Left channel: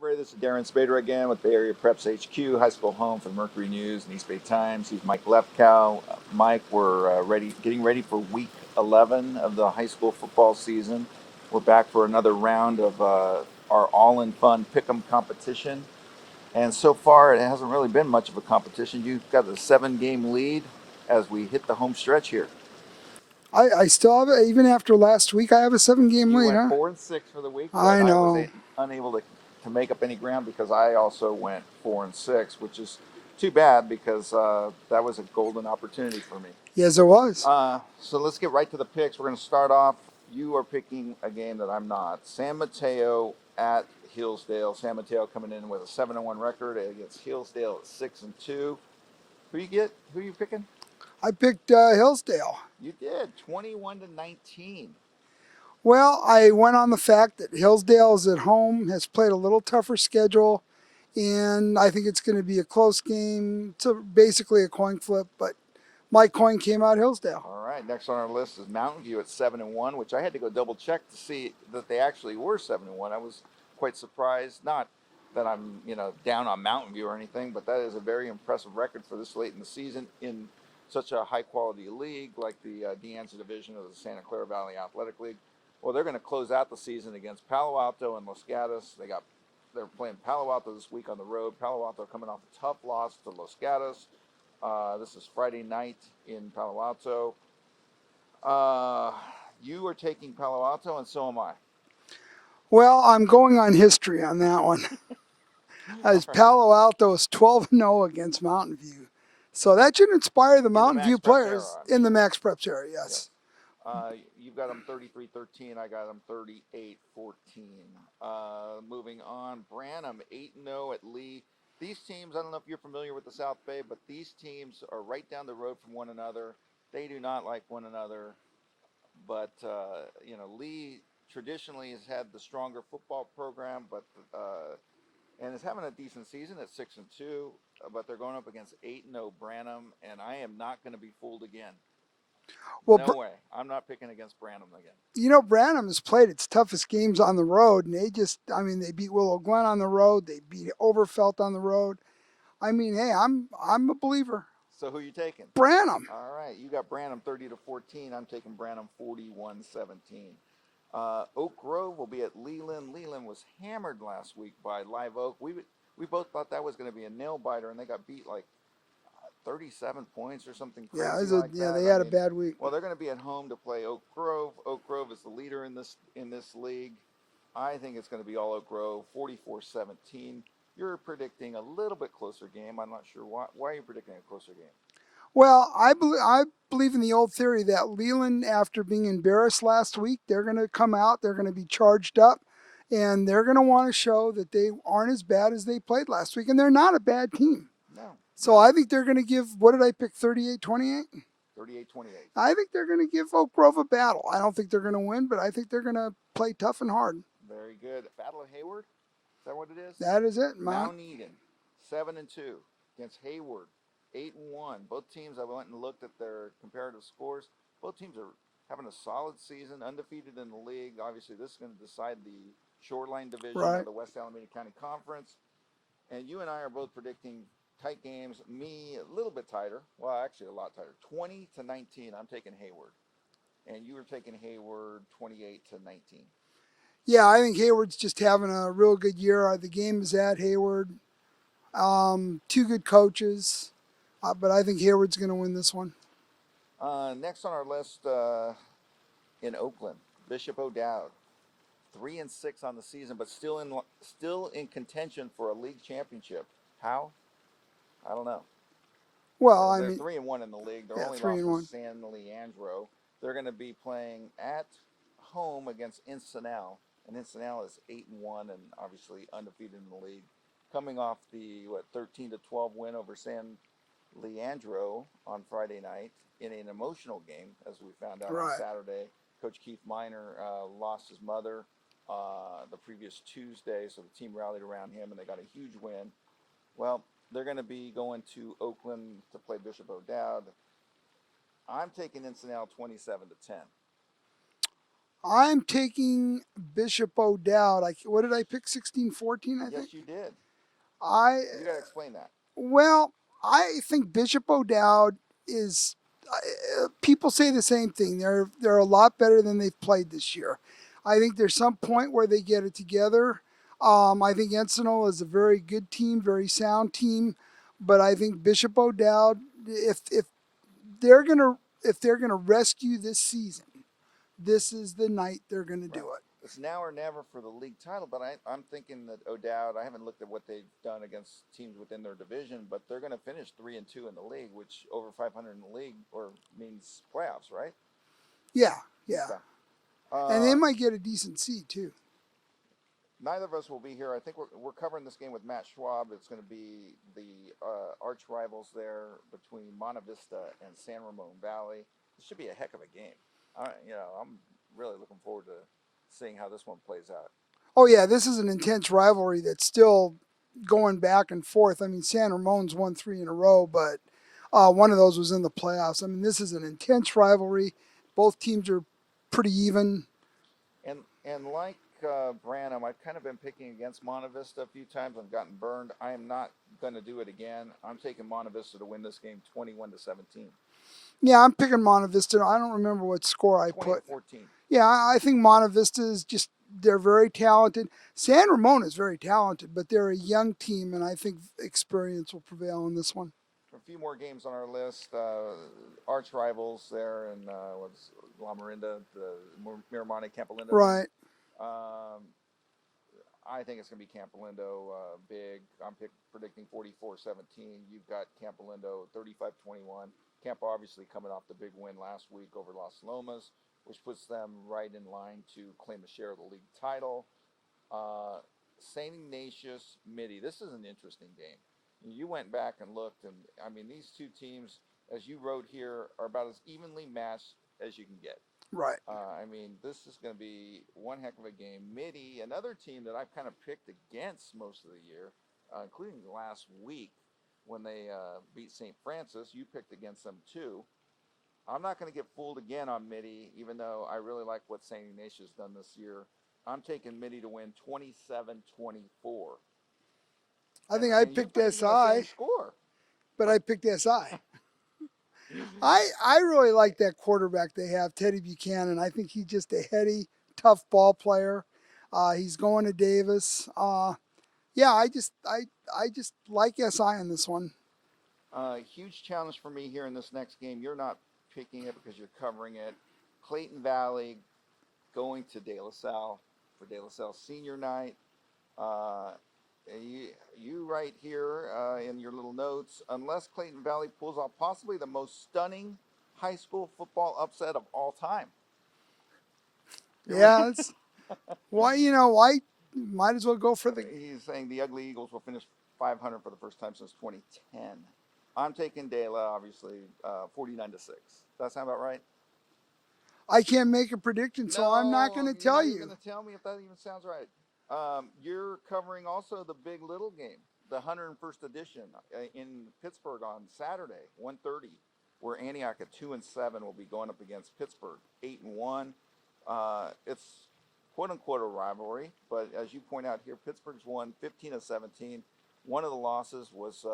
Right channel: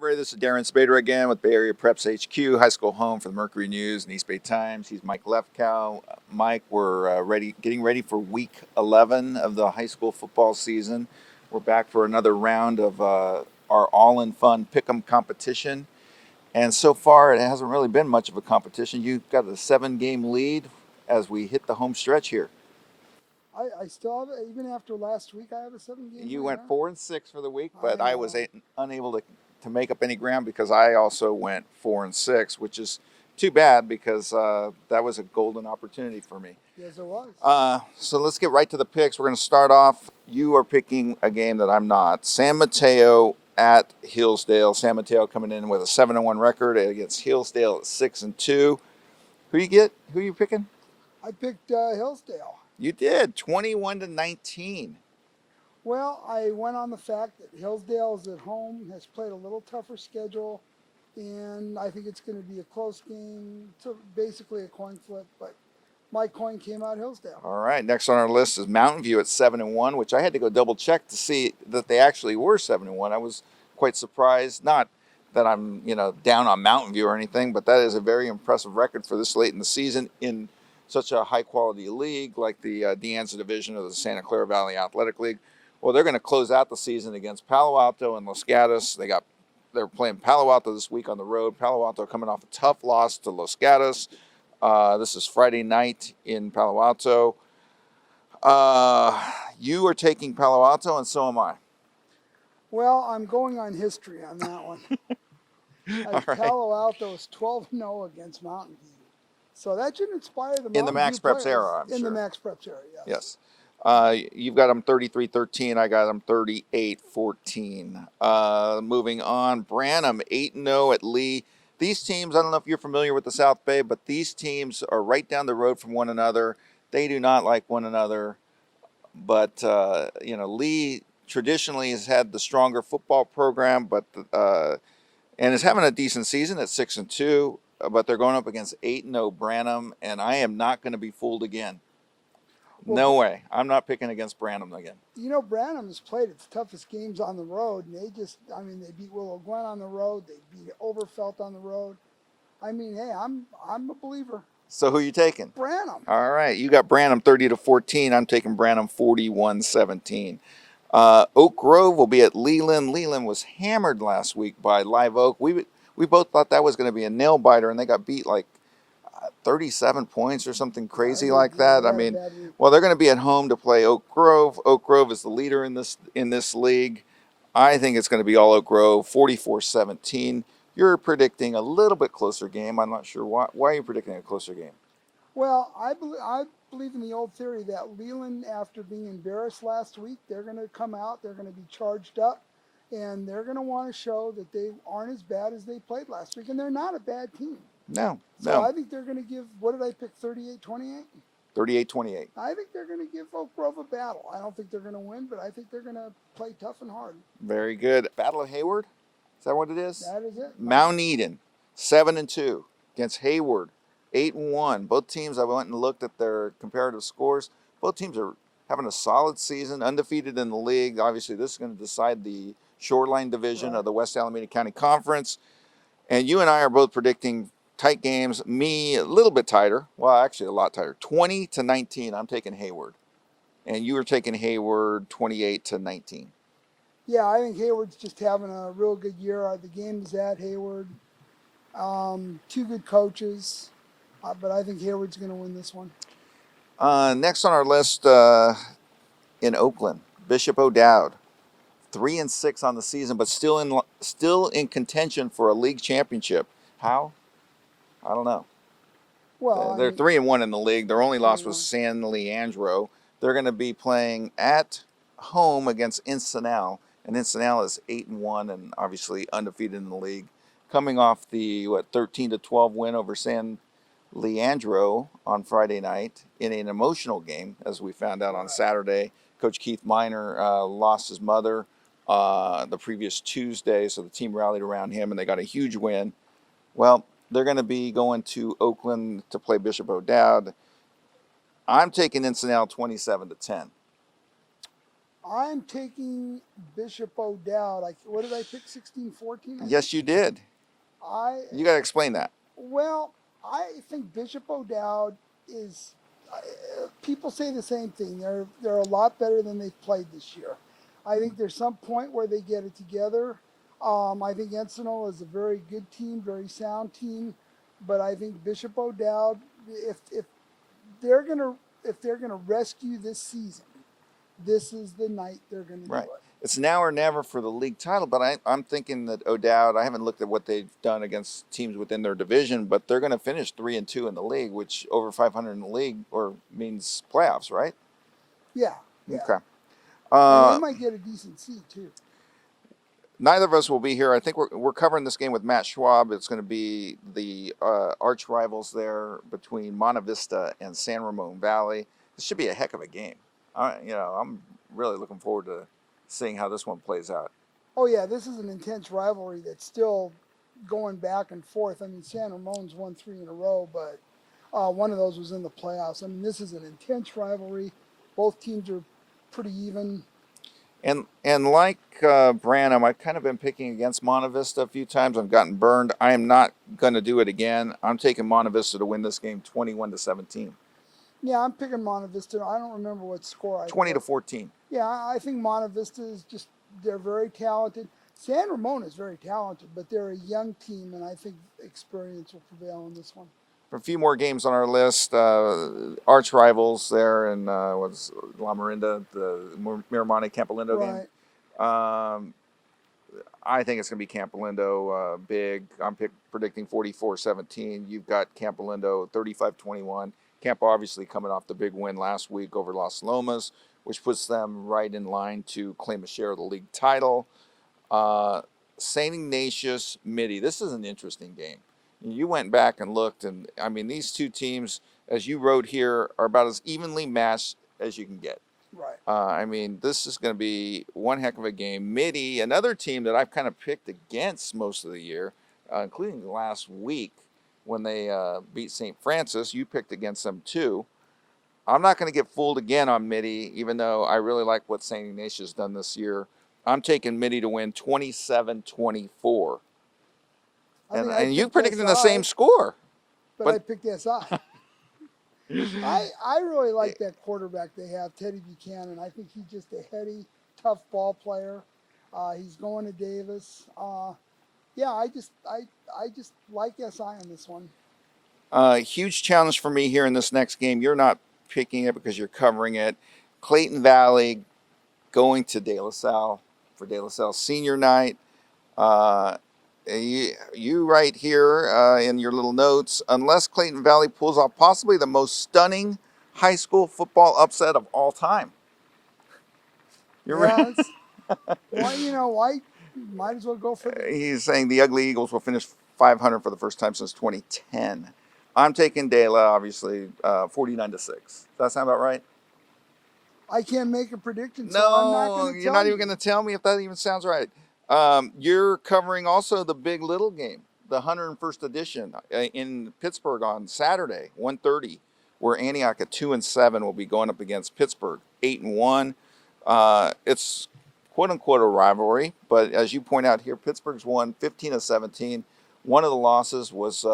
everybody, this is Darren Sabedra again with Bay Area Preps HQ, high school home for the Mercury News and East Bay Times. He's Mike Lefkow. Mike, we're getting ready for week 11 of the high school football season. We're back for another round of our all-in-fun pick'em competition. And so far, it hasn't really been much of a competition. You've got a 7-game lead as we hit the home stretch here. I still have it, even after last week. I have a 7-game lead. You went huh? 4-6 for the week. I know. I was unable to make up any ground because I also went 4-6, which is too bad because that was a golden opportunity for me. Yes, it was. So let's get right to the picks. We're going to start off. You are picking a game that I'm not. San Mateo at Hillsdale. San Mateo coming in with a 7-1 record against Hillsdale at 6-2. Who are you picking? I picked Hillsdale. You did 21-19. Well, I went on the fact that Hillsdale is at home, has played a little tougher schedule, and I think it's going to be a close game. It's basically a coin flip, but my coin came out Hillsdale. All right, next on our list is Mountain View at 7-1, which I had to go double check to see that they actually were 7-1. I was quite surprised. Not that I'm, down on Mountain View or anything, but that is a very impressive record for this late in the season in such a high-quality league like the De Anza division of the Santa Clara Valley Athletic League. Well, they're going to close out the season against Palo Alto and Los Gatos. They're playing Palo Alto this week on the road. Palo Alto coming off a tough loss to Los Gatos. This is Friday night in Palo Alto. You are taking Palo Alto, and so am I. Well, I'm going on history on that one. As right. Palo Alto is 12-0 against Mountain View. So that should inspire the Mountain View players. In the Max Preps era, yes. You've got them 33-13. I got them 38-14. Moving on, Branham 8-0 at Lee. These teams, I don't know if you're familiar with the South Bay, but these teams are right down the road from one another. They do not like one another. But, Lee traditionally has had the stronger football program, but and is having a decent season at 6-2. But they're going up against 8-0 Branham, and I am not going to be fooled again. Well, no way. I'm not picking against Branham again. Branham has played its toughest games on the road, and they beat Willow Glen on the road. They beat Overfelt on the road. Hey, I'm a believer. So who are you taking? Branham. All right. You got Branham 30-14. I'm taking Branham 41-17. Oak Grove will be at Leland. Leland was hammered last week by Live Oak. We both thought that was going to be a nail biter, and they got beat like 37 points or something crazy like that. They had a bad week. Well, they're going to be at home to play Oak Grove. Oak Grove is the leader in this league. I think it's going to be all Oak Grove, 44-17. You're predicting a little bit closer game. I'm not sure why. Why are you predicting a closer game? Well, I believe in the old theory that Leland, after being embarrassed last week, they're going to come out. They're going to be charged up. And they're going to want to show that they aren't as bad as they played last week. And they're not a bad team. No. So I think they're going to give, what did I pick, 38-28? 38-28. I think they're going to give Oak Grove a battle. I don't think they're going to win, but I think they're going to play tough and hard. Very good. Battle of Hayward? Is that what it is? That is it. Mount Eden, 7-2 against Hayward, 8-1. Both teams, I went and looked at their comparative scores. Both teams are having a solid season, undefeated in the league. Obviously, this is going to decide the Shoreline Division of the West Alameda County Conference. And you and I are both predicting tight games. Me, a little bit tighter. Well, actually, a lot tighter. 20-19, I'm taking Hayward. And you were taking Hayward 28-19. Yeah, I think Hayward's just having a real good year. The game is at Hayward. Two good coaches. But I think Hayward's going to win this one. Next on our list in Oakland, Bishop O'Dowd. 3-6 on the season, but still in contention for a league championship. How? I don't know. Well, they're 3-1 in the league. Their only loss was San Leandro. They're going to be playing at home against Encinal, and Encinal is 8-1 and obviously undefeated in the league, coming off the 13-12 win over San Leandro on Friday night in an emotional game, as we found out on Saturday. Coach Keith Miner lost his mother the previous Tuesday, so the team rallied around him and they got a huge win. Well, they're going to be going to Oakland to play Bishop O'Dowd. I'm taking Encinal 27-10. I'm taking Bishop O'Dowd. What did I pick? 16-14, I think. Yes, you did. I You got to explain that. Well, I think Bishop O'Dowd is. People say the same thing. They're a lot better than they've played this year. I think there's some point where they get it together. I think Encinal is a very good team, very sound team, but I think Bishop O'Dowd, if they're gonna rescue this season, this is the night they're gonna do Right. it. It's now or never for the league title, but I'm thinking that O'Dowd, I haven't looked at what they've done against teams within their division, but they're going to finish 3-2 in the league, which over 500 in the league or means playoffs, right? Yeah, yeah, Okay. and they might get a decent seed too. Neither of us will be here. I think we're covering this game with Matt Schwab. It's going to be the arch rivals there between Monta Vista and San Ramon Valley. This should be a heck of a game. I'm really looking forward to seeing how this one plays out. Oh yeah, this is an intense rivalry that's still going back and forth. I mean, San Ramon's won 3 in a row, but one of those was in the playoffs. I mean, this is an intense rivalry. Both teams are pretty even. And like Branham, I've kind of been picking against Monta Vista a few times. I've gotten burned. I am not going to do it again. I'm taking Monta Vista to win this game 21-17. Yeah, I'm picking Monta Vista. I don't remember what score I 20-14. Yeah, I think Monta Vista is just, they're very talented. San Ramon is very talented, but they're a young team, and I think experience will prevail in this one. A few more games on our list. Arch rivals there in what's La Marinda, the Miramonte, Campolindo Right. game. I think it's going to be Campolindo big. I'm predicting 44-17. You've got Campolindo 35-21. Campo obviously coming off the big win last week over Las Lomas, which puts them right in line to claim a share of the league title. St. Ignatius, Mitty. This is an interesting game. You went back and looked, and I mean, these two teams, as you wrote here, are about as evenly matched as you can get. Right. I mean, this is going to be one heck of a game. Mitty, another team that I've kind of picked against most of the year, including last week when they beat St. Francis. You picked against them too. I'm not going to get fooled again on Mitty, even though I really like what St. Ignatius has done this year. I'm taking Mitty to win 27-24. And you predicted the same score. But I picked SI. I really like that quarterback they have, Teddy Buchanan. I think he's just a heady, tough ball player. He's going to Davis. Yeah, I just like SI on this one. Huge challenge for me here in this next game. You're not picking it because you're covering it. Clayton Valley going to De La Salle for De La Salle senior night. You write here in your little notes, unless Clayton Valley pulls off possibly the most stunning high school football upset of all time. Why might as well go for the... He's saying the Ugly Eagles will finish 500 for the first time since 2010. I'm taking De La, obviously, 49-6. Does that sound about right? I can't make a prediction, so I'm not going to tell you. You're not even going to tell me if that even sounds right. You're covering also the Big Little game, the 101st edition in Pittsburg on Saturday, 1:30, where Antioch at 2-7 will be going up against Pittsburg, 8-1. It's quote unquote a rivalry, but as you point out here, Pittsburgh's won 15-17. One of the losses was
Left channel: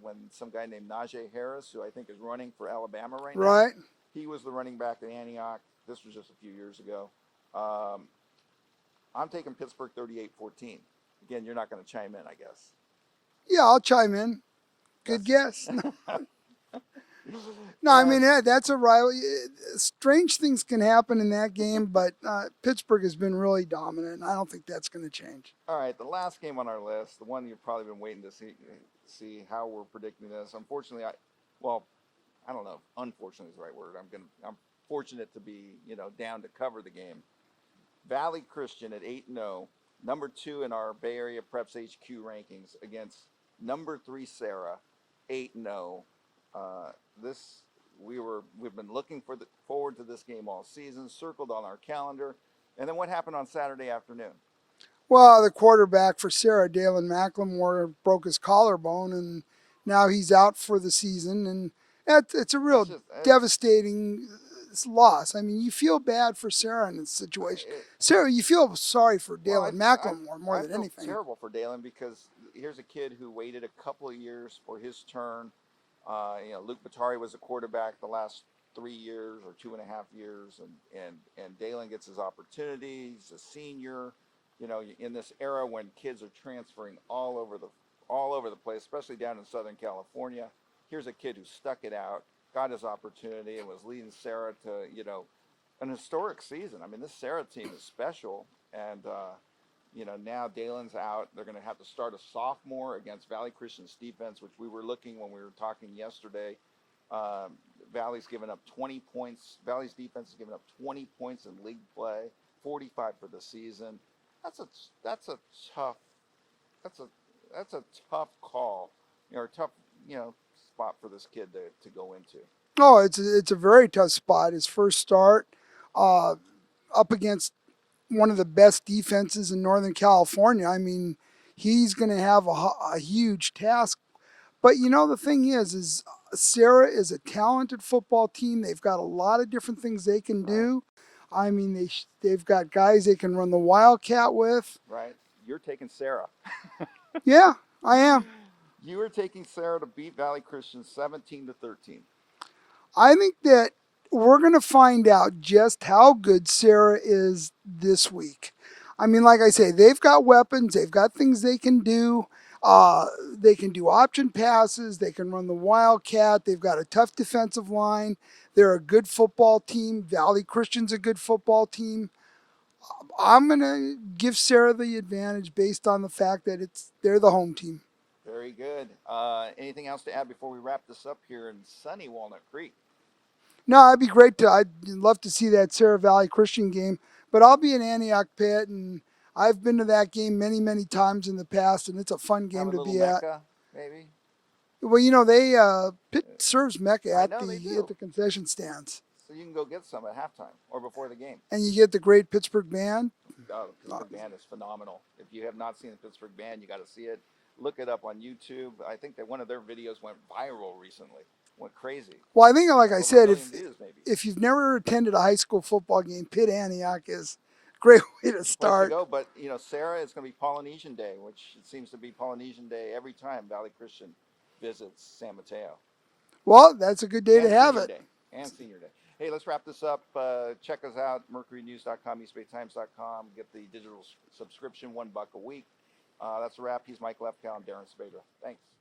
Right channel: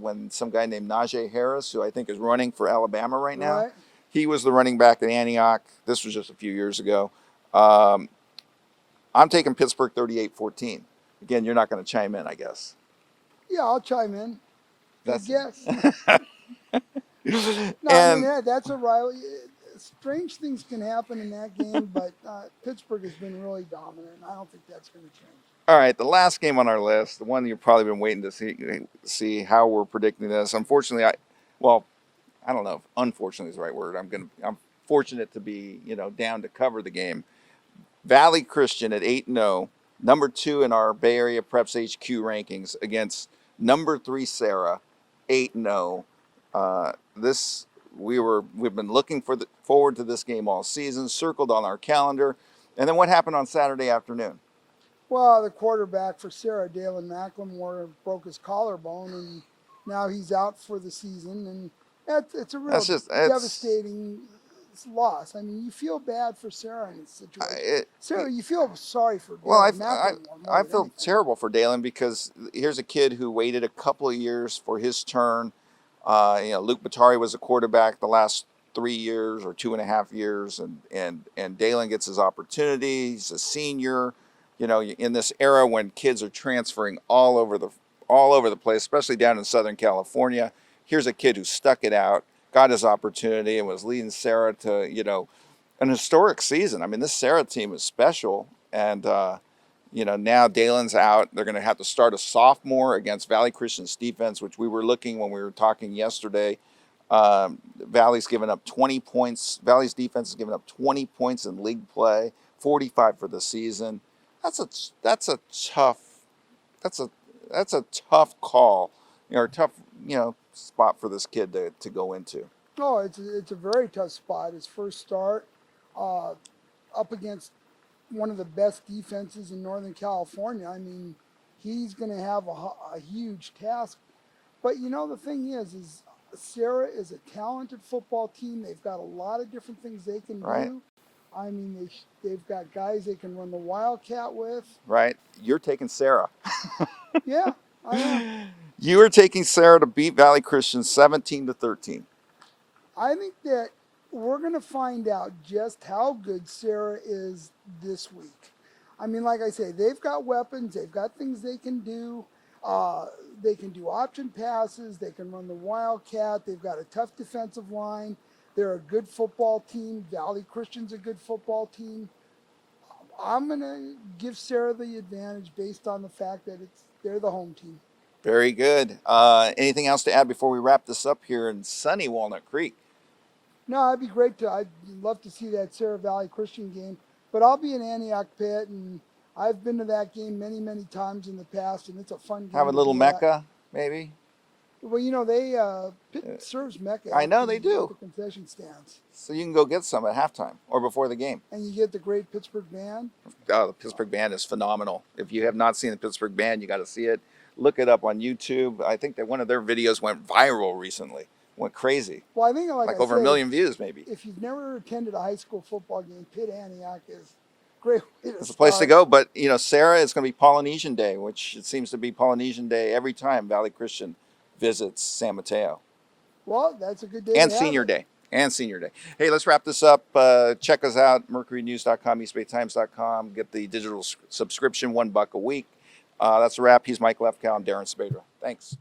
when some guy named Najee Harris, who I think is running for Alabama right now. Right. He was the running back at Antioch. This was just a few years ago. I'm taking Pittsburgh 38-14. Again, you're not going to chime in, I guess. Yeah, I'll chime in. Good guess. No, I mean, that's a rivalry. Strange things can happen in that game, but Pittsburgh has been really dominant. I don't think that's going to change. All right, the last game on our list, the one you've probably been waiting to see how we're predicting this. Unfortunately, I don't know if unfortunately is the right word. I'm fortunate to be, down to cover the game. Valley Christian at 8-0, number 2 in our Bay Area Preps HQ rankings against number 3 Sarah, 8-0. We've been looking forward to this game all season, circled on our calendar. And then what happened on Saturday afternoon? Well, the quarterback for Sarah, Dalen McLemore, broke his collarbone, and now he's out for the season. And it's a real devastating loss. I mean, you feel bad for Sarah in this situation. Sarah, you feel sorry for Dalen McLemore more I than feel anything. terrible for Dalen because here's a kid who waited a couple of years for his turn. Luke Batari was a quarterback the last 3 years or 2.5 years, and Dalen gets his opportunity. He's a senior. In this era when kids are transferring all over the place, especially down in Southern California. Here's a kid who stuck it out, got his opportunity, and was leading Sarah to an historic season. I mean, this Sarah team is special, and now Dalen's out. They're going to have to start a sophomore against Valley Christian's defense, which we were looking when we were talking yesterday. Valley's given up 20 points. Valley's defense has given up 20 points in league play, 45 for the season. That's a tough call, or tough spot for this kid to go into. Oh, it's a very tough spot. His first start up against one of the best defenses in Northern California. I mean, he's going to have a huge task. But the thing is Sarah is a talented football team. They've got a lot of different things they can do. I mean, they've got guys they can run the Wildcat with. Right. You're taking Sarah. Yeah, I am. You are taking Sarah to beat Valley Christian 17-13. I think that we're going to find out just how good Sarah is this week. I mean, like I say, they've got weapons. They've got things they can do. They can do option passes. They can run the Wildcat. They've got a tough defensive line. They're a good football team. Valley Christian's a good football team. I'm going to give Sarah the advantage based on the fact that they're the home team. Very good. Anything else to add before we wrap this up here in sunny Walnut Creek? No, it'd be great I'd love to see that Sarah Valley Christian game, but I'll be in Antioch Pitt, and I've been to that game many, many times in the past, and it's a fun game. Have a little Mecca, maybe? Well, Pitt serves Mecca I know they do. at the concession stands. So you can go get some at halftime or before the game. And you get the great Pittsburg band. Oh, the Pittsburg band is phenomenal. If you have not seen the Pittsburg band, you got to see it. Look it up on YouTube. I think that one of their videos went viral recently. Went crazy. Well, I think, like I over said, 1 million views, maybe. If you've never attended a high school football game, Pitt Antioch is a great way to It's a start. place to go. But, Sarah, it's going to be Polynesian Day, which it seems to be Polynesian Day every time Valley Christian visits San Mateo. Well, that's a good day and to have Senior it. Day. And Senior Day. Hey, let's wrap this up. Check us out, mercurynews.com, eastbaytimes.com. Get the digital subscription, $1 a week. That's a wrap. He's Mike Lefkow and Darren Sabedra. Thanks.